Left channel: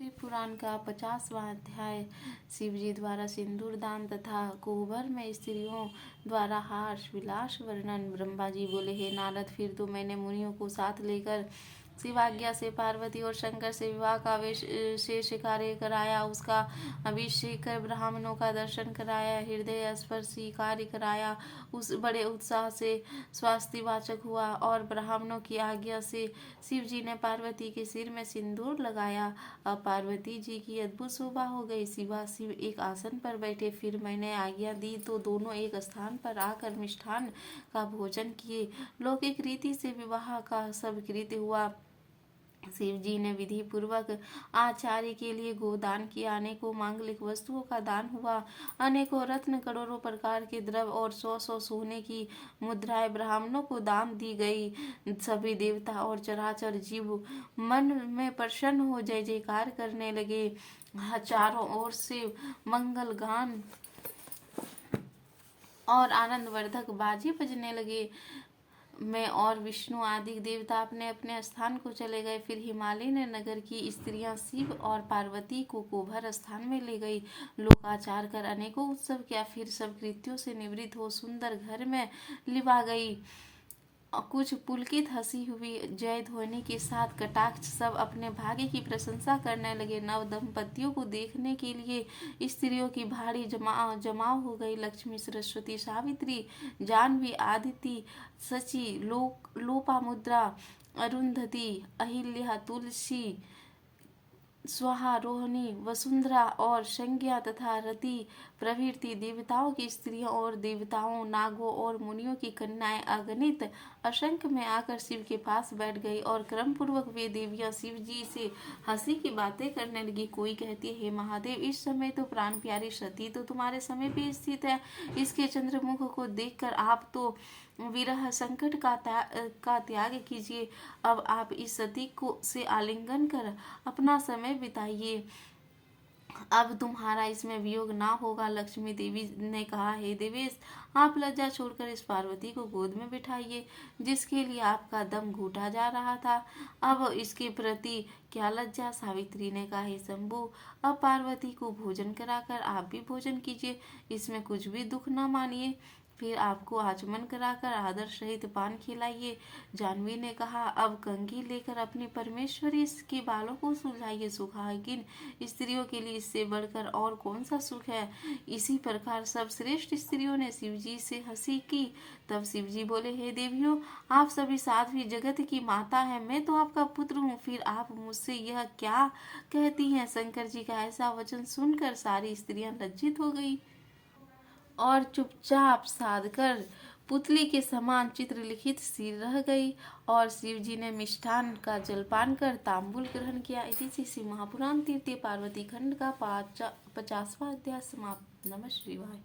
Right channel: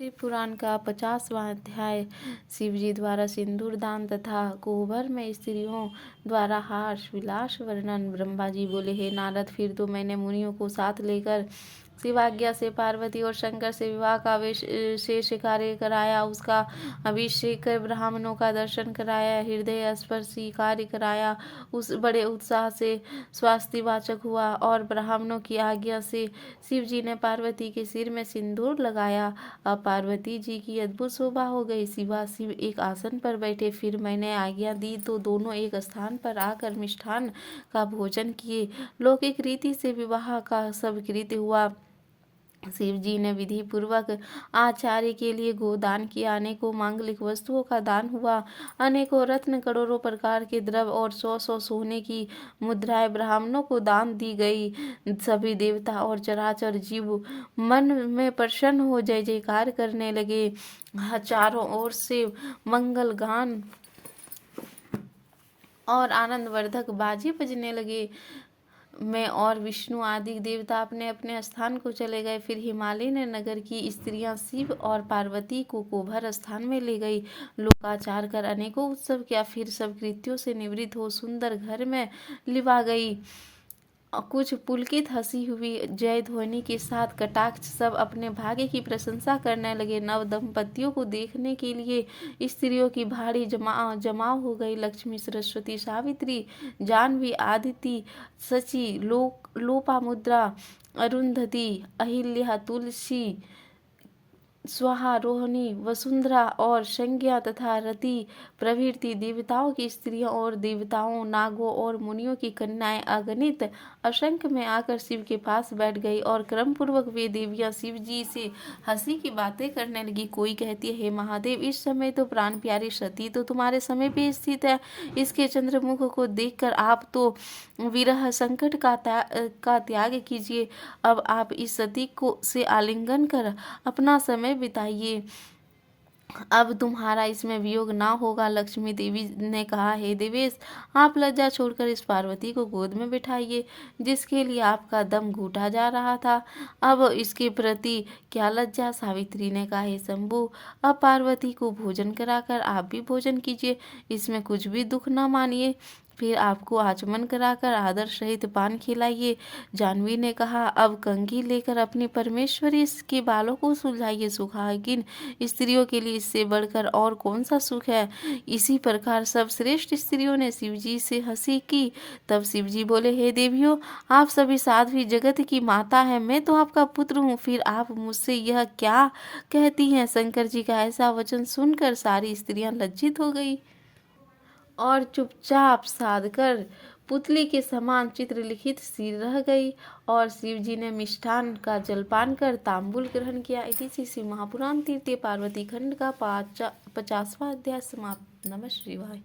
शिव पुराण का 50वां अध्याय। शिवजी द्वारा सिंदूर दान तथा कोहबर में स्त्रियों द्वारा हास विलास वर्णन। ब्रह्मा जी बोले, हे नारद, फिर तो मैंने मुनियों को साथ लेकर शिवाज्ञा से पार्वती और शंकर से विवाह का विशेष कार्य कराया। उसका अभिषेक कर ब्राह्मणों का दर्शन कराया, हृदय स्पर्शी कार्य कराया। उस बड़े उत्साह से स्वास्तिवाचक हुआ और ब्राह्मणों की आज्ञा से शिव जी ने पार्वती के सिर में सिंदूर लगाया। अब पार्वती जी की अद्भुत शोभा हो गई। शिव एक आसन पर बैठे। फिर मैंने आज्ञा दी तो दोनों एक स्थान पर आकर मिष्ठान का भोजन किए। लौकिक रीति से विवाह का सब कृत्य हुआ। शिव जी ने विधि पूर्वक आचार्य के लिए गोदान किया। अनेकों मांगलिक वस्तुओं का दान हुआ। अनेकों रत्न, करोड़ों प्रकार के द्रव्य और 100 सोने की मुद्राएं ब्राह्मणों को दान दी गई। सभी देवता और चराचर जीव मन में प्रसन्न हो जय जयकार करने लगे। चारों ओर से मंगल गान और आनंदवर्धक बाजे बजने लगे। मैं और विष्णु आदि देवता अपने अपने स्थान को चले गए। फिर हिमालय नगर की स्त्रियां शिव और पार्वती को कोहबर स्थान में ले गई। लोकाचार कर अनेकों उत्सव किया। फिर सब कृत्यों से निवृत्त हो सुंदर घर में लिवा गई। कुछ पुलकित हंसी हुई, जय ध्वनि के साथ कटाक्ष सब अपने भाग्य की प्रशंसा करने लगे। नव दंपतियों को देखने के लिए स्त्रियों की भारी जमाव हो गई। लक्ष्मी, सरस्वती, सावित्री, जाह्नवी, आदिति, शची, लोपामुद्रा, अरुंधति, अहिल्या, तुलसी, स्वाहा, रोहिणी, वसुंधरा और संज्ञा तथा रति प्रभृति देवताओं की स्त्रियों और देवताओं, नागों और मुनियों की कन्याएं अगणित असंख्य में आकर शिव के पास बैठ गई और क्रम पूर्वक वे देवियां शिव जी से हंसी की बातें करने लगी। कोई कहती है, हे महादेव, इस समय तो प्राण प्यारी सती तो तुम्हारे समय पे स्थित है। इसके चंद्रमुख को देखकर आप तो विरह संकट का त्याग कीजिए। अब आप इस सती को से आलिंगन कर अपना समय बिताइए। अब तुम्हारा इसमें वियोग ना होगा। लक्ष्मी देवी ने कहा, हे देवेश, आप लज्जा छोड़कर इस पार्वती को गोद में बिठाइए, जिसके लिए आपका दम घूटा जा रहा था। अब इसके प्रति क्या लज्जा। सावित्री ने कहा, हे शंभु, अब पार्वती को भोजन कराकर आप भी भोजन कीजिए, इसमें कुछ भी दुख न मानिए। फिर आपको आचमन कराकर आदर सहित पान खिलाइए। जाह्नवी ने कहा, अब कंघी लेकर अपनी परमेश्वरी के बालों को सुलझाइए। सुहागिन स्त्रियों के लिए इससे बढ़कर और कौन सा सुख है। इसी प्रकार सब श्रेष्ठ स्त्रियों ने शिवजी से हंसी की। तब शिवजी बोले, हे देवियों, आप सभी साध्वी जगत की माता है, मैं तो आपका पुत्र हूँ, फिर आप मुझसे यह क्या कहती हैं। शंकर जी का ऐसा वचन सुनकर सारी स्त्रियां लज्जित हो गई और चुपचाप साधकर पुतली के समान चित्रलिखित सी रह गई। और शिवजी ने मिष्ठान का जलपान कर तांबूल ग्रहण किया। इसी से महापुराण तृतीय पार्वती खंड का 50वां अध्याय समाप्त। नमः शिवाय।